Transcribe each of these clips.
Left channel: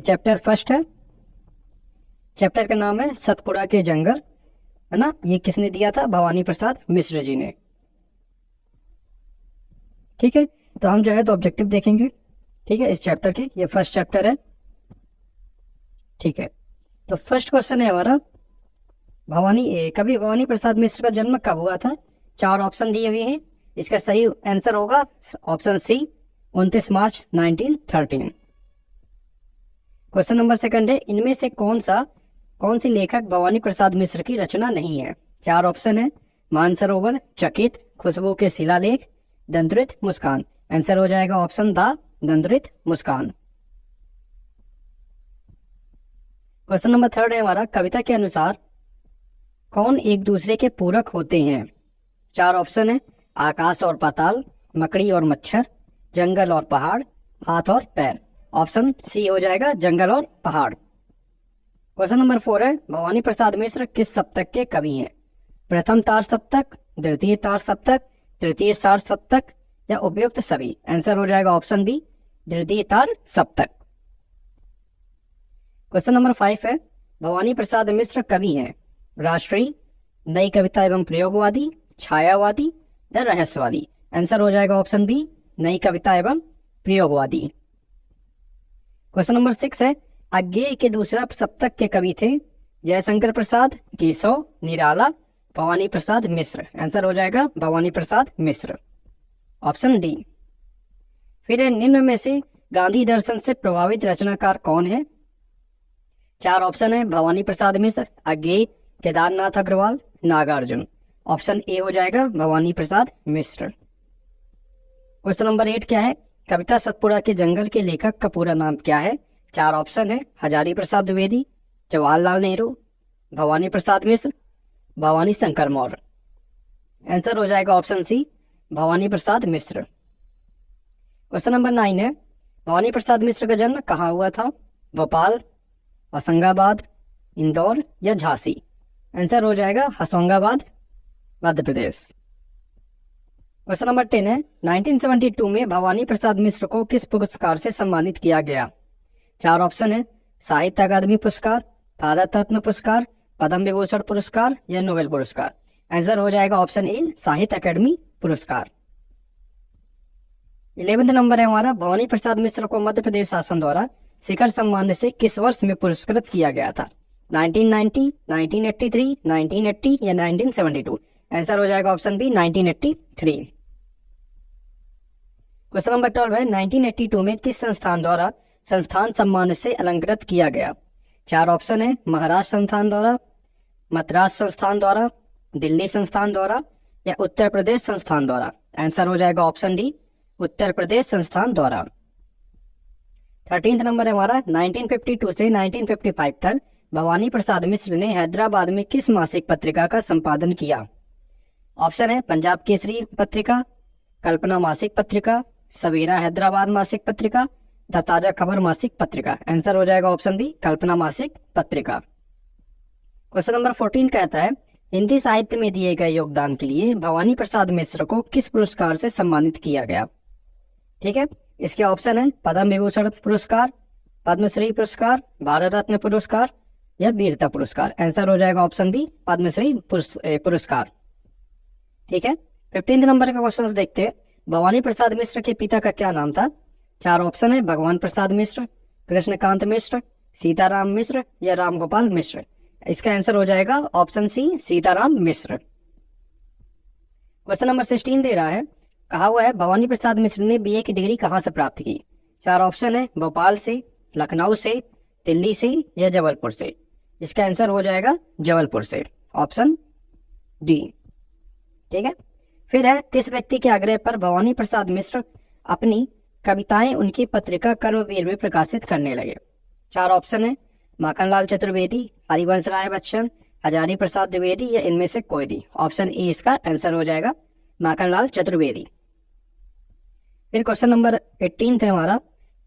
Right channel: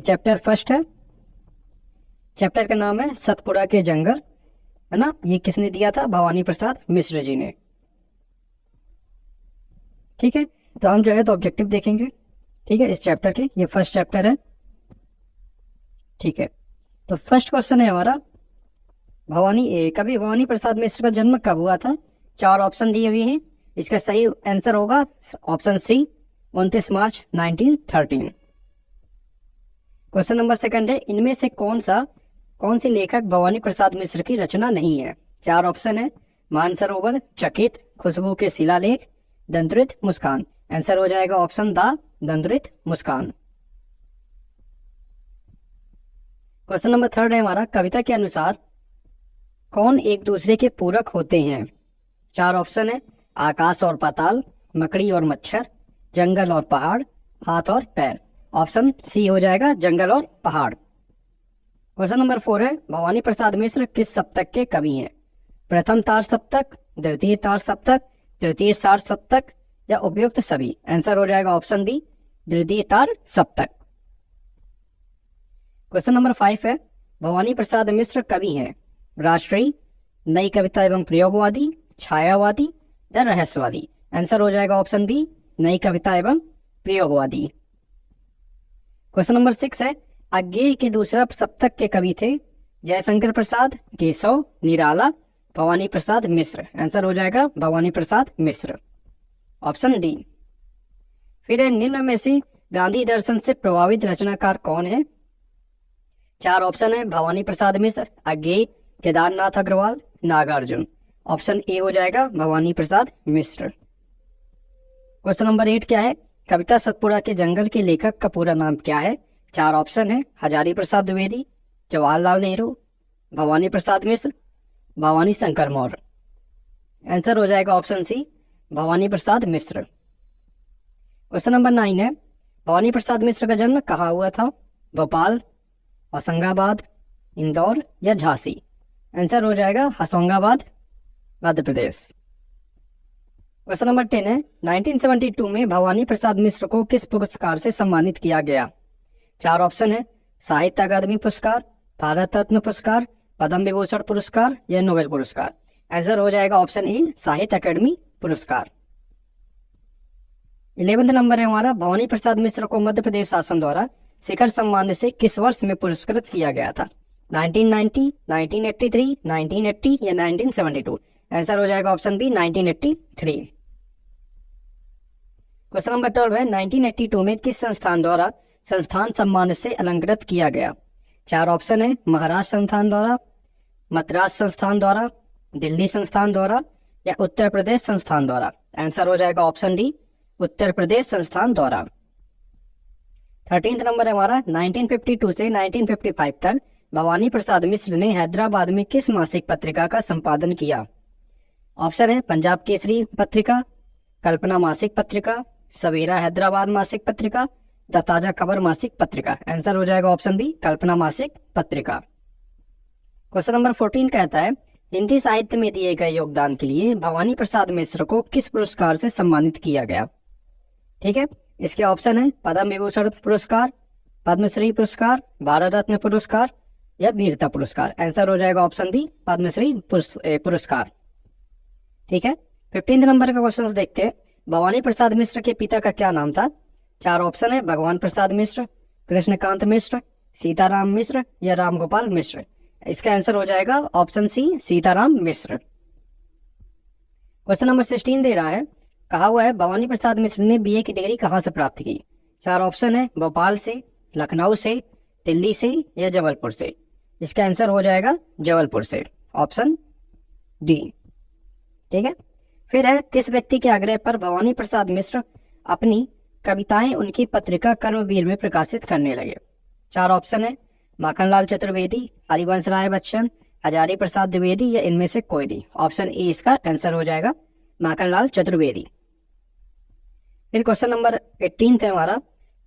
Chapter first है, chapter का नाम है सतपुड़ा के जंगल, है ना। ये किसने दिया था? भवानी प्रसाद मिश्र जी ने। ठीक है, तो हम जो है तो ऑब्जेक्टिव देखेंगे। ठीक है, इस चैप्टर के, ये फर्स्ट चैप्टर है। ठीक है, तो फर्स्ट क्वेश्चन है हमारा, कभी भवानी प्रसाद मिश्र का जन्म कब हुआ था? 4 ऑप्शन दिए हुए हैं, इसका सही आंसर होगा ऑप्शन सी, 29 मार्च 1913। क्वेश्चन नंबर सेकंड है, इनमें से कौन सी लेखक भवानी प्रसाद मिश्र की रचना नहीं है? 4 ऑप्शन है, मानसरोवर, चकित, खुशबू के शिलालेख, दंतुरित, मुस्कान। आंसर हो जाएगा ऑप्शन द, दंतुरित मुस्कान। क्वेश्चन नंबर थर्ड है हमारा, कविता के अनुसार कौन एक दूसरे के पूरक होते हैं? 4 ऑप्शन है, आकाश और पाताल, मकड़ी और मच्छर, जंगल और पहाड़, हाथ और पैर। ऑप्शन सी हो जाएगा जंगल और पहाड़। क्वेश्चन नंबर 4 है, भवानी प्रसाद मिश्र किस सप्तक के कवि हैं? प्रथम तार सप्तक, द्वितीय तार सप्तक, तृतीय तार सप्तक या उपयुक्त सभी। आंसर हो जाएगा ऑप्शन बी, द्वितीय तार सप्तक। क्वेश्चन नंबर 5 है, भवानी प्रसाद मिश्र कवि हैं राष्ट्रीय, नई कविता एवं प्रयोगवादी, छायावादी या रहस्यवादी। आंसर हो जाएगा ऑप्शन बी, नई कविता एवं प्रयोगवादी। क्वेश्चन नंबर 6 है, अज्ञेय के दूसरा सप्तक के कवि थे जयशंकर प्रसाद, केशव, निराला, भवानी प्रसाद मिश्र। आंसर हो जाएगा भवानी प्रसाद मिश्र, ऑप्शन डी। फिर निम्न में से गांधी दर्शन से प्रभावित रचनाकार कौन है? 4 ऑप्शन है, भवानी प्रसाद मिश्र, अज्ञेय, केदारनाथ अग्रवाल, नागार्जुन। ऑप्शन ए हो जाएगा भवानी प्रसाद मिश्र। क्वेश्चन नंबर 8 क्या है, कविता सतपुड़ा के जंगल के लेखक का पूरा नाम क्या है? 4 ऑप्शन है, हजारी प्रसाद द्विवेदी, जवाहरलाल नेहरू, भवानी प्रसाद मिश्र, भवानी शंकर मौर्य। आंसर हो जाएगा option C, Bhavani Prasad Mishra. Question number 9 है, भवानी प्रसाद मिश्र का जन्म कहाँ हुआ था? भोपाल, होशंगाबाद, इंदौर या झांसी। आंसर हो जाएगा होशंगाबाद, मध्य प्रदेश। क्वेश्चन नंबर 10 है, 1972 में भवानी प्रसाद मिश्र को किस पुरस्कार से सम्मानित किया गया? 4 ऑप्शन है, साहित्य अकादमी पुरस्कार, भारत रत्न पुरस्कार, पद्म विभूषण पुरस्कार या नोबेल पुरस्कार। आंसर हो जाएगा ऑप्शन ए, साहित्य अकादमी पुरस्कार। 11वां नंबर है हमारा, भवानी प्रसाद मिश्र को मध्य प्रदेश शासन द्वारा शिखर सम्मान से किस वर्ष में पुरस्कृत किया गया था? 1990, 1983, 1980 या 1972। आंसर हो जाएगा ऑप्शन बी, 1983। क्वेश्चन नंबर 12 है, 1982 में किस संस्थान द्वारा संस्थान सम्मान से अलंकृत किया गया? 4 ऑप्शन है, महाराष्ट्र संस्थान द्वारा, मद्रास संस्थान द्वारा, दिल्ली संस्थान द्वारा या उत्तर प्रदेश संस्थान द्वारा। आंसर हो जाएगा ऑप्शन डी, उत्तर प्रदेश संस्थान द्वारा। 13वां नंबर है हमारा, 1952 से 1955 तक भवानी प्रसाद मिश्र ने हैदराबाद में किस मासिक पत्रिका का संपादन किया? ऑप्शन है, पंजाब केसरी पत्रिका, कल्पना मासिक पत्रिका, सवेरा हैदराबाद मासिक पत्रिका, द ताजा खबर मासिक पत्रिका। आंसर हो जाएगा ऑप्शन बी, कल्पना मासिक पत्रिका। क्वेश्चन नंबर 14 कहता है, हिंदी साहित्य में दिए गए योगदान के लिए भवानी प्रसाद मिश्र को किस पुरस्कार से सम्मानित किया गया? ठीक है, इसके ऑप्शन है, पद्म विभूषण पुरस्कार, पद्मश्री पुरस्कार, भारत रत्न पुरस्कार या वीरता पुरस्कार। आंसर हो जाएगा ऑप्शन बी, पद्मश्री पुरस्कार। ठीक है, 15 नंबर का क्वेश्चन देखते हैं, भवानी प्रसाद मिश्र के पिता का क्या नाम था? 4 ऑप्शन है, भगवान प्रसाद मिश्र, कृष्णकांत मिश्र, सीताराम मिश्र या रामगोपाल मिश्र। इसका आंसर हो जाएगा ऑप्शन सी, सीताराम मिश्र। क्वेश्चन नंबर 16 दे रहा है, कहा हुआ है भवानी प्रसाद मिश्र ने बीए की डिग्री कहाँ से प्राप्त की? 4 ऑप्शन है, भोपाल से, लखनऊ से, दिल्ली से या जबलपुर से। इसका आंसर हो जाएगा जबलपुर से, ऑप्शन डी। ठीक है, फिर है, किस व्यक्ति के आग्रह पर भवानी प्रसाद मिश्र अपनी कविताएं उनकी पत्रिका कर्मवीर में प्रकाशित करने लगे? 4 ऑप्शन है, माखनलाल चतुर्वेदी, हरिवंश राय बच्चन, हजारी प्रसाद द्विवेदी या इनमें से कोई नहीं। ऑप्शन ए इसका आंसर हो जाएगा, माखनलाल चतुर्वेदी। फिर क्वेश्चन नंबर 18 है हमारा,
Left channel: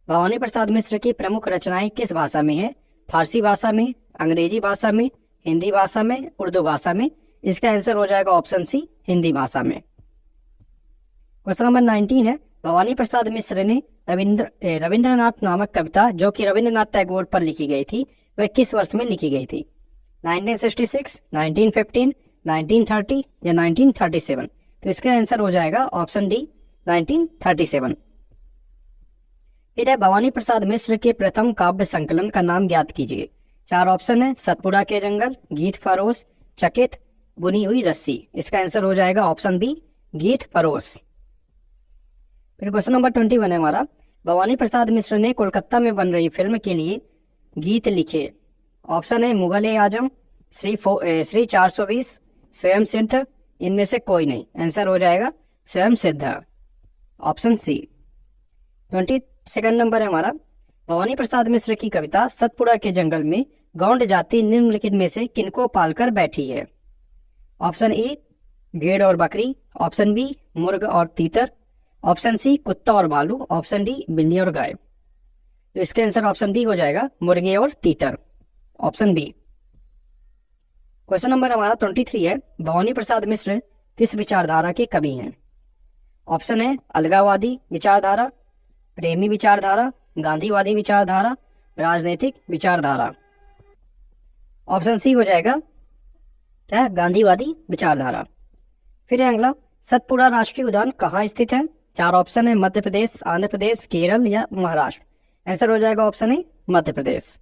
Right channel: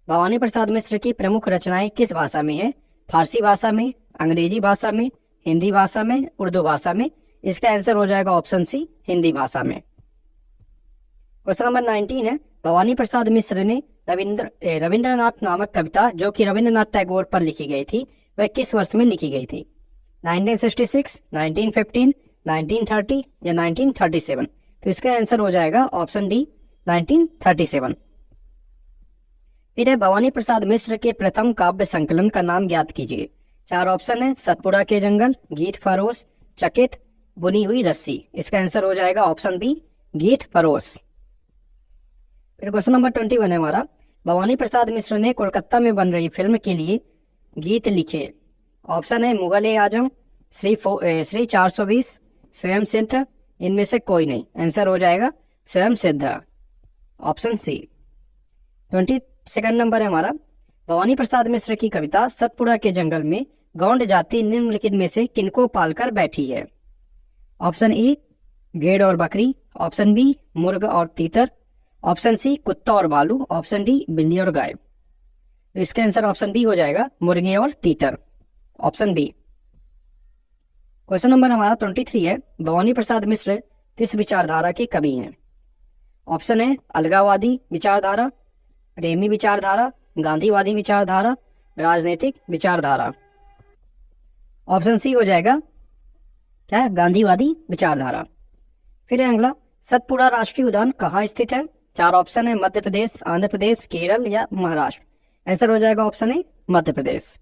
भवानी प्रसाद मिश्र की प्रमुख रचनाएं किस भाषा में है? फारसी भाषा में, अंग्रेजी भाषा में, हिंदी भाषा में, उर्दू भाषा में। इसका आंसर हो जाएगा ऑप्शन सी, हिंदी भाषा में। क्वेश्चन नंबर 19 है, भवानी प्रसाद मिश्र ने रविंद्रनाथ नामक कविता जो कि रविंद्रनाथ टैगोर पर लिखी गई थी वह किस वर्ष में लिखी गई थी? 1966, 1915, 1930 या 1937? तो इसका आंसर हो जाएगा ऑप्शन डी 1937। फिर है भवानी प्रसाद मिश्र के प्रथम काव्य संकलन का नाम ज्ञात कीजिए। 4 ऑप्शन है, सतपुड़ा के जंगल, गीत फरोश, चकित, बुनी हुई रस्सी। इसका आंसर हो जाएगा ऑप्शन बी गीत फरोश। फिर क्वेश्चन नंबर 21 है हमारा, भवानी प्रसाद मिश्र ने कोलकाता में बन रही फिल्म के लिए गीत लिखे। ऑप्शन है मुगल ए आजम, श्री 420, स्वयं सिद्ध, इनमें से कोई नहीं। आंसर हो जाएगा स्वयं सिद्ध, ऑप्शन सी। 22 नंबर है हमारा, भवानी प्रसाद मिश्र की कविता सतपुड़ा के जंगल में गौंड जाति निम्नलिखित में से किनको पालकर बैठी है? ऑप्शन ए भेड़ और बकरी, ऑप्शन बी मुर्ग और तीतर, ऑप्शन सी कुत्ता और भालू, ऑप्शन डी बिल्ली और गाय। तो इसका आंसर ऑप्शन बी हो जाएगा मुर्गे और तीतर, ऑप्शन बी। क्वेश्चन नंबर हमारा 23 है, भवानी प्रसाद मिश्र किस विचारधारा के कवि हैं? ऑप्शन है अलगाववादी विचारधारा, प्रेमी विचारधारा, गांधीवादी विचारधारा, राजनीतिक विचारधारा। ऑप्शन सी हो जाएगा क्या? गांधीवादी विचारधारा। फिर है अगला, सतपुड़ा राष्ट्रीय उद्यान कहाँ स्थित है? 4 ऑप्शन है, मध्य प्रदेश, आंध्र प्रदेश, केरल या महाराष्ट्र। आंसर हो जाएगा ऑप्शन ए मध्य प्रदेश।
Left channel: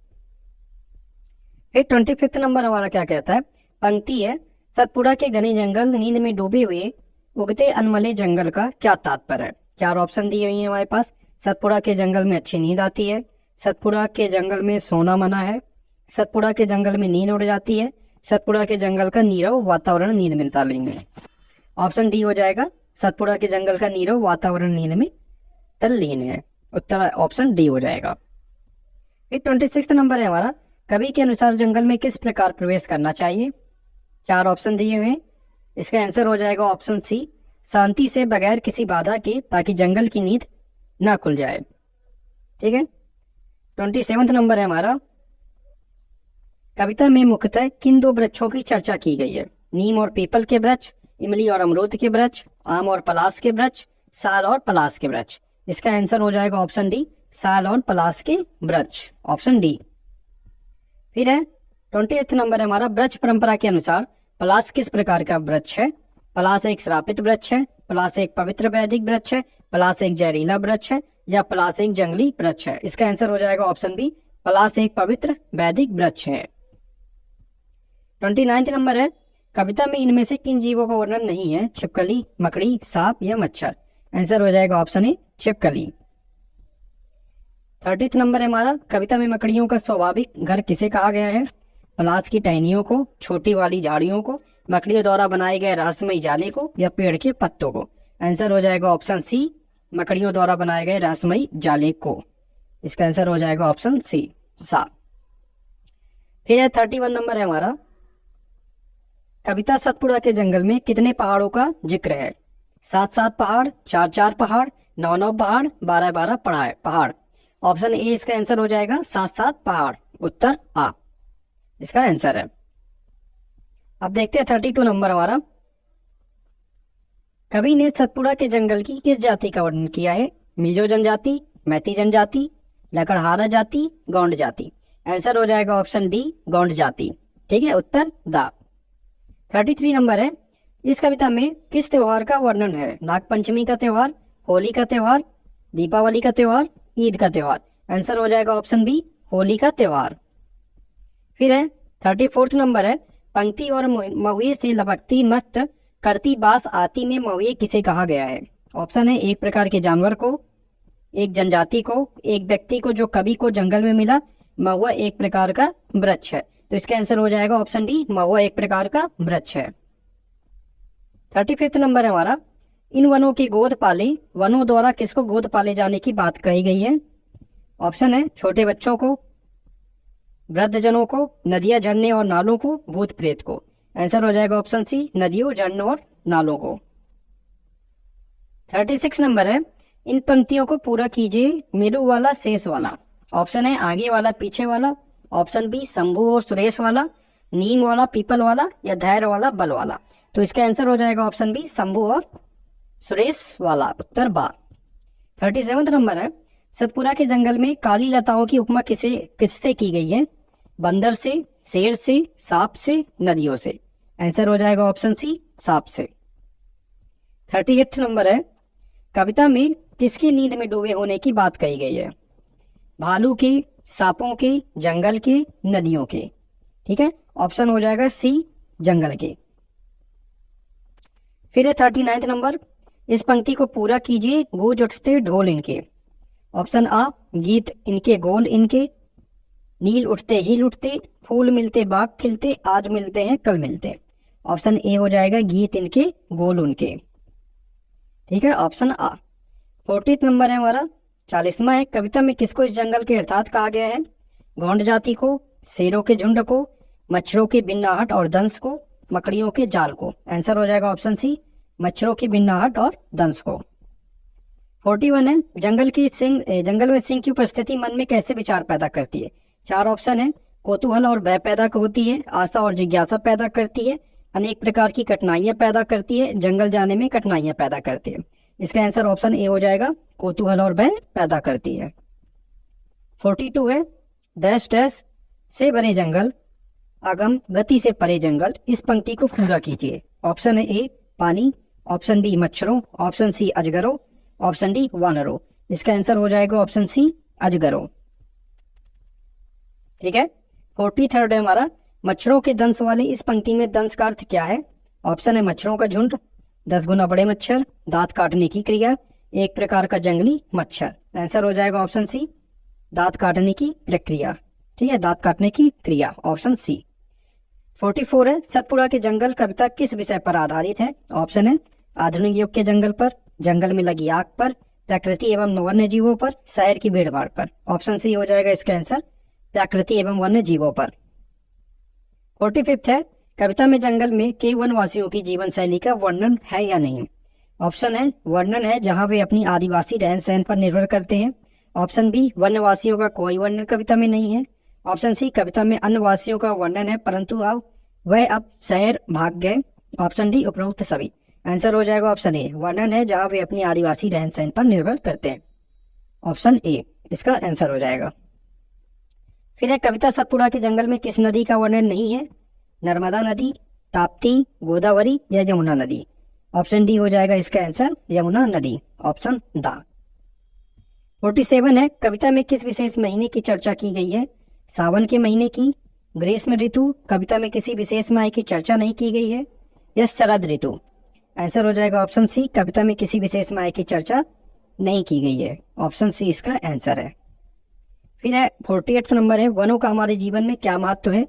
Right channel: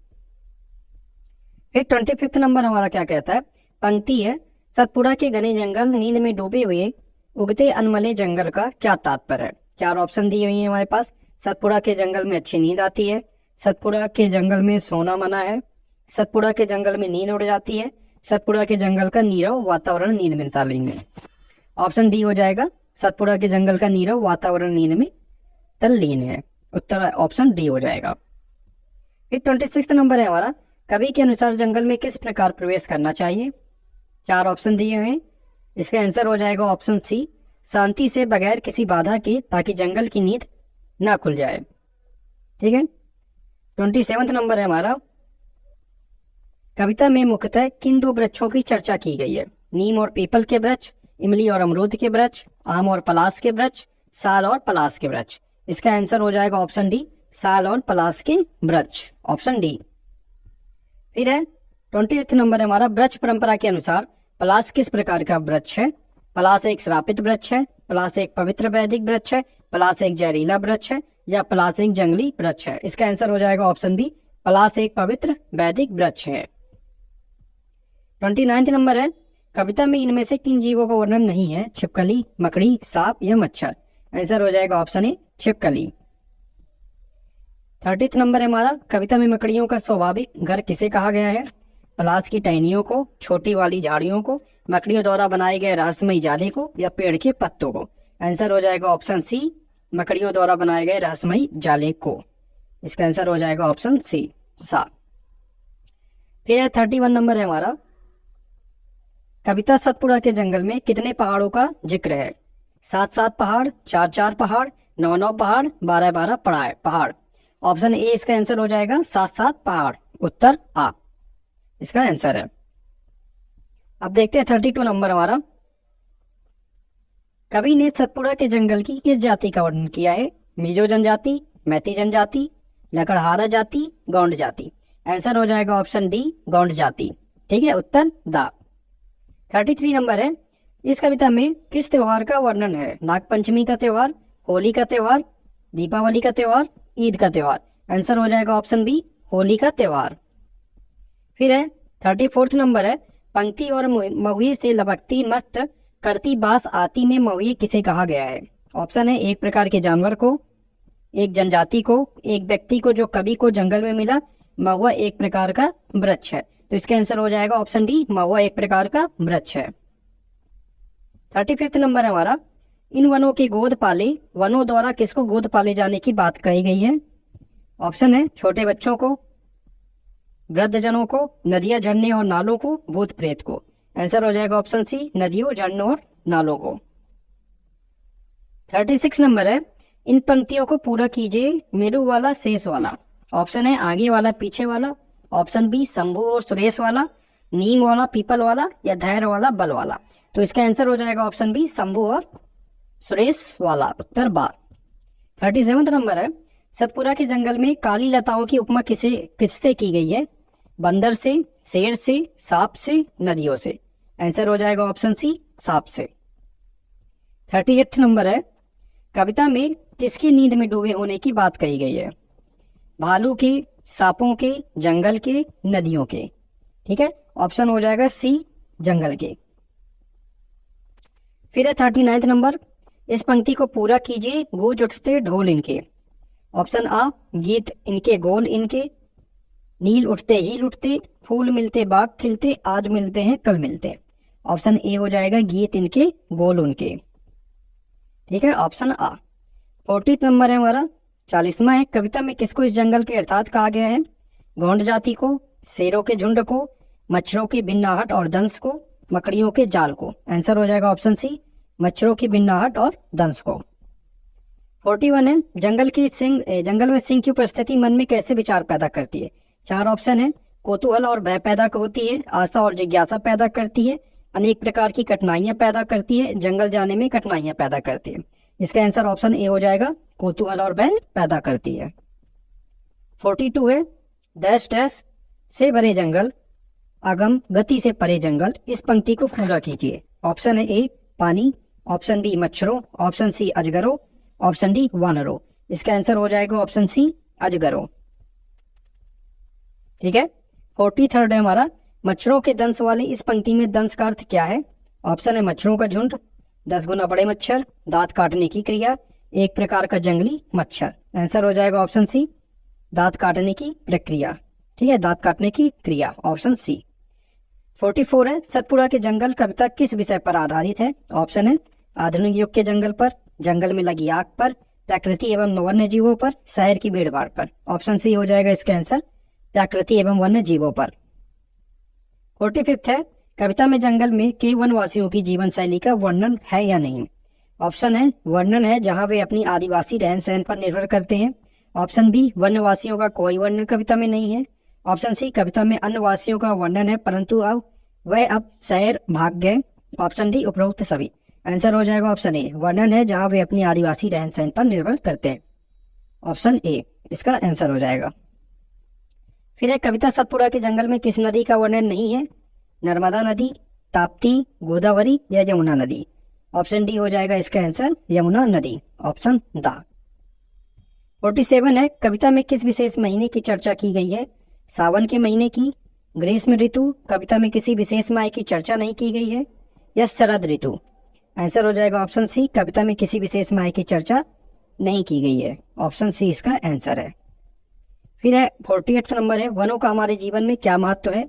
फिर 25 नंबर हमारा क्या कहता है? पंक्ति है, सतपुड़ा के घने जंगल नींद में डूबे हुए उगते अनमले जंगल का क्या तात्पर्य है? 4 ऑप्शन दिए हुए हैं हमारे पास। सतपुड़ा के जंगल में अच्छी नींद आती है, सतपुड़ा के जंगल में सोना मना है, सतपुड़ा के जंगल में नींद उड़ जाती है, सतपुड़ा के जंगल का नीरव वातावरण नींद में तल्लीन है। ऑप्शन डी हो जाएगा सतपुड़ा के जंगल का नीरव वातावरण नींद में तल्लीन है। उत्तर ऑप्शन डी हो जाएगा। फिर 26 नंबर है हमारा, कवि के अनुसार जंगल में किस प्रकार प्रवेश करना चाहिए? 4 ऑप्शन दिए हैं। इसका आंसर हो जाएगा ऑप्शन सी शांति से, बगैर किसी बाधा के, ताकि जंगल की नींद ना खुल जाए। ठीक है। 27 नंबर है हमारा, कविता में मुख्यतः किन 2 वृक्षों की चर्चा की गई है? नीम और पीपल के वृक्ष, इमली और अमरूद के वृक्ष, आम और पलास के वृक्ष, साल और पलास के वृक्ष। इसका आंसर हो जाएगा ऑप्शन डी साल और पलास के वृक्ष, ऑप्शन डी। फिर है 28 नंबर है हमारा, वृक्ष परंपरा के अनुसार पलास किस प्रकार का वृक्ष है? पलास एक श्रापित वृक्ष है, पलास एक पवित्र वैदिक वृक्ष है, पलास एक जहरीला वृक्ष है या पलास एक जंगली वृक्ष है? इसका आंसर हो जाएगा ऑप्शन बी पलास एक पवित्र वैदिक वृक्ष है। 29 नंबर है, कविता में इनमें से किन जीवों का वर्णन नहीं है? छिपकली, मकड़ी, सांप या मच्छर? आंसर हो जाएगा ऑप्शन ए छिपकली। 30 नंबर है हमारा, कविता में मकड़ियों का स्वाभाविक घर किसे कहा गया है? पलास की टहनियों को, छोटी वाली झाड़ियों को, मकड़ियों द्वारा बनाए गए रहस्यमयी जाले को या पेड़ के पत्तों को? आंसर हो जाएगा ऑप्शन सी मकड़ियों द्वारा बनाए गए रहस्यमयी जाले को। इसका आंसर हो जाएगा ऑप्शन सी सा। फिर है 31 नंबर है हमारा, कविता सतपुड़ा के जंगल में कितने पहाड़ों का जिक्र है? 7-7 पहाड़, 4-4 पहाड़, 9-9 पहाड़, 12-12 पहाड़। ऑप्शन ए इसका आंसर हो जाएगा 7-7 पहाड़, उत्तर आ इसका आंसर है। अब देखते हैं 32 नंबर हमारा, कवि ने सतपुड़ा के जंगल की किस जाति का वर्णन किया है? मिजो जनजाति, मैती जनजाति, लकड़हारा जाति, गौंड जाति। आंसर हो जाएगा ऑप्शन डी गौंड जाति। ठीक है, उत्तर दा। 33 नंबर है, इस कविता में किस त्योहार का वर्णन है? नागपंचमी का त्योहार, होली का त्योहार, दीपावली का त्योहार, ईद का त्योहार? आंसर हो जाएगा ऑप्शन बी होली का त्योहार। फिर है 34 नंबर है, पंक्ति और महुए से लपकती मस्त करती बास आती में महुए किसे कहा गया है? ऑप्शन है एक प्रकार के जानवर को, एक जनजाति को, एक व्यक्ति को जो कवि को जंगल में मिला, महुआ एक प्रकार का वृक्ष है। तो इसका आंसर हो जाएगा ऑप्शन डी महुआ एक प्रकार का वृक्ष है। 35 नंबर है हमारा, इन वनों की गोद पाले, वनों द्वारा किसको गोद पाले जाने की बात कही गई है? ऑप्शन है छोटे बच्चों को, वृद्धजनों को, नदियां, झरने और नालों को, भूत प्रेत को। आंसर हो जाएगा ऑप्शन सी नदियों, झरनों और नालों को। 36 नंबर है, इन पंक्तियों को पूरा कीजिए, मेरू वाला शेष वाला। ऑप्शन है आगे वाला पीछे वाला, ऑप्शन बी शंभू और सुरेश वाला, नीम वाला पीपल वाला या धैर्य वाला बल वाला। तो इसका आंसर हो जाएगा ऑप्शन बी शंभू और सुरेश वाला, उत्तर बा। 37 नंबर है, सतपुरा के जंगल में काली लताओं की उपमा किससे की गई है? बंदर से, शेर से, सांप से, नदियों से। आंसर हो जाएगा ऑप्शन सी, सांप से। 38 नंबर है, कविता में किसकी नींद में डूबे होने की बात कही गई है? भालू की, सांपों के, जंगल के, नदियों के। ठीक है, ऑप्शन हो जाएगा सी, जंगल के। फिर है 39 नंबर, इस पंक्ति को पूरा कीजिए, गूंज उठते ढोल इनके। ऑप्शन आ, गीत इनके गोल इनके, नील उठते हील उठते, फूल मिलते बाग खिलते, आज मिलते हैं कल मिलते। ऑप्शन ए हो जाएगा, गीत इनके गोल उनके। ठीक है, ऑप्शन आ। 40 नंबर है हमारा, 40वां है, कविता में किसको इस जंगल के अर्थात कहा गया है? गोंड जाति को, शेरों के झुंड को, मच्छरों की बिन्नाहट और दंश को, मकड़ियों के जाल को। आंसर हो जाएगा ऑप्शन सी, मच्छरों की बिन्नाहट और दंश को। 41 है, जंगल में सिंह की उपस्थिति मन में कैसे विचार पैदा करती है? 4 ऑप्शन है, कौतूहल और भय पैदा होती है, आशा और जिज्ञासा पैदा करती है, अनेक प्रकार की कठिनाइयां पैदा करती है, जंगल जाने में कठिनाइयां पैदा करती है। इसका आंसर ऑप्शन ए हो जाएगा, कौतूहल और भय पैदा करती है। 42 है, डैश डैश से भरे जंगल, अगम गति से परे जंगल, इस पंक्ति को पूरा कीजिए। ऑप्शन है ए, पानी, ऑप्शन बी, मच्छरों, ऑप्शन सी, अजगरों, ऑप्शन डी, वानरों। इसका आंसर हो जाएगा ऑप्शन सी, अजगरों। ठीक है, 43 है हमारा, मच्छरों के दंश वाले इस पंक्ति में दंश का अर्थ क्या है? ऑप्शन है मच्छरों का झुंड, 10 गुना बड़े मच्छर, दांत काटने की क्रिया, एक प्रकार का जंगली मच्छर। आंसर हो जाएगा ऑप्शन सी, दांत काटने की प्रक्रिया। ठीक है, दांत काटने की क्रिया, ऑप्शन सी। 44 है, सतपुड़ा के जंगल कविता किस विषय पर आधारित है? ऑप्शन है आधुनिक युग के जंगल पर, जंगल में लगी आग पर, प्रकृति एवं वन्य जीवों पर, शहर की भीड़भाड़ पर। ऑप्शन सी हो जाएगा इसका आंसर, प्रकृति एवं वन्य जीवों पर। 45 है, कविता में जंगल में के वनवासियों की जीवन शैली का वर्णन है या नहीं? ऑप्शन है वर्णन है, जहां वे अपनी आदिवासी रहन सहन पर निर्भर करते हैं। ऑप्शन बी, वन्यवासियों का कोई वर्णन कविता में नहीं है। ऑप्शन सी, कविता में अन्य वासियों का वर्णन है परंतु वह अब शहर भाग गए। ऑप्शन डी, उपरोक्त सभी। आंसर हो जाएगा ऑप्शन ए, वर्णन है जहां वे अपनी आदिवासी रहन सहन पर निर्भर करते हैं। ऑप्शन ए इसका आंसर हो जाएगा। फिर है, कविता सतपुड़ा के जंगल में किस नदी का वर्णन नहीं है? नर्मदा नदी, ताप्ती, गोदावरी या यमुना नदी। ऑप्शन डी हो जाएगा इसका आंसर, यमुना नदी। Option the. 47 है, कविता में किस विशेष महीने की चर्चा की गई है? सावन के महीने की, ग्रीष्म ऋतु, कविता में किसी विशेष माह की चर्चा नहीं की गई है, या शरद ऋतु। आंसर हो जाएगा ऑप्शन सी, कविता में किसी विशेष माह की चर्चा नहीं की गई है। ऑप्शन सी इसका आंसर है। फिर है 48 नंबर है, वनों का हमारे जीवन में क्या महत्व है?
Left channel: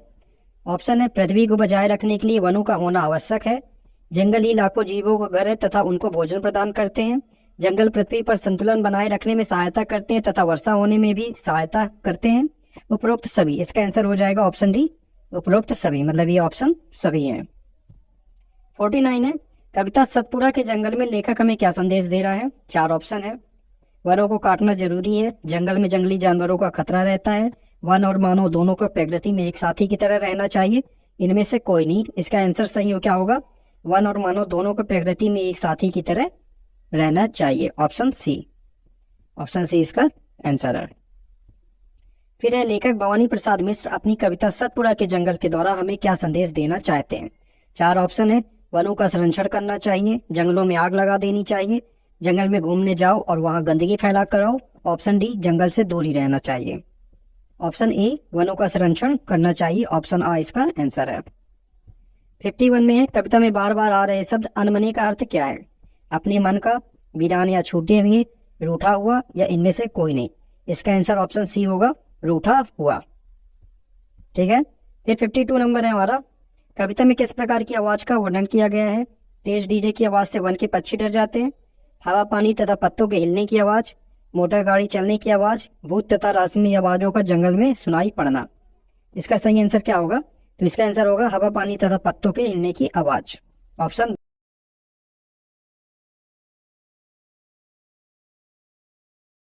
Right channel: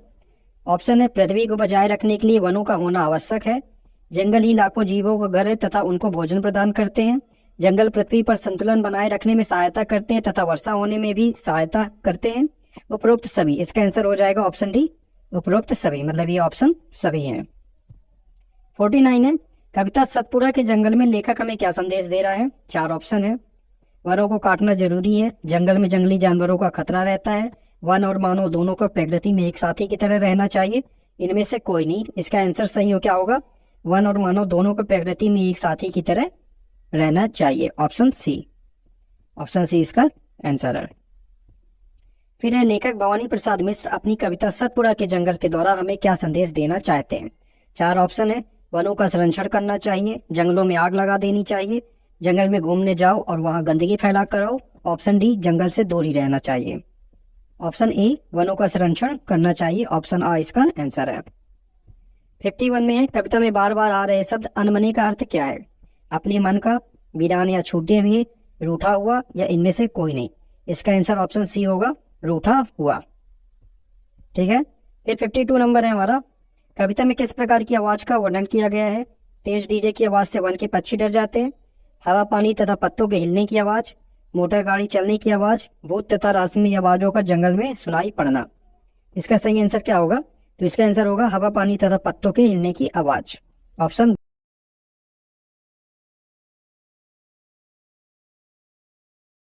ऑप्शन है पृथ्वी को बचाए रखने के लिए वनों का होना आवश्यक है, जंगल ही लाखों जीवों का घर है तथा उनको भोजन प्रदान करते हैं, जंगल पृथ्वी पर संतुलन बनाए रखने में सहायता करते हैं तथा वर्षा होने में भी सहायता करते हैं, उपरोक्त सभी। इसका आंसर हो जाएगा ऑप्शन डी, उपरोक्त सभी, मतलब ये ऑप्शन सभी है। 49 है, कविता सतपुड़ा के जंगल में लेखक हमें क्या संदेश दे रहा है? 4 ऑप्शन है, वनों को काटना जरूरी है, जंगल में जंगली जानवरों का खतरा रहता है, वन और मानव दोनों को प्रकृति में एक साथी की तरह रहना चाहिए, इनमें से कोई नहीं। इसका आंसर सही हो क्या होगा? वन और मानव दोनों को प्रकृति में एक साथी की तरह रहना चाहिए। ऑप्शन सी, ऑप्शन सी इसका आंसर है। फिर है, लेखक भवानी प्रसाद मिश्र अपनी कविता सतपुड़ा के जंगल के द्वारा हमें क्या संदेश देना चाहते हैं? 4 ऑप्शन है, वनों का संरक्षण करना चाहिए, जंगलों में आग लगा देनी चाहिए, जंगल में घूमने जाओ और वहां गंदगी फैला कर आओ। ऑप्शन डी, जंगल से दूर ही रहना चाहिए। ऑप्शन ए, वनों का संरक्षण करना चाहिए। ऑप्शन आ इसका आंसर है। 51 में है, कविता में बार बार आ रहे शब्द अनमने का अर्थ क्या है? अपने मन का, वीरान या छूटे हुए, रूठा हुआ या इनमें से कोई नहीं। इसका आंसर ऑप्शन सी होगा, रूठा हुआ। ठीक है, फिर 52 नंबर है हमारा, कविता में किस प्रकार की आवाज का वर्णन किया गया है? तेज डीजे की आवाज से वन के पक्षी डर जाते हैं, हवा पानी तथा पत्तों के हिलने की आवाज, मोटर गाड़ी चलने की आवाज, भूत तथा रहस्यमयी आवाजों का जंगल में सुनाई पड़ना। इसका सही आंसर क्या होगा? तो इसका आंसर होगा हवा पानी तथा पत्तों के हिलने की आवाज। ऑप्शन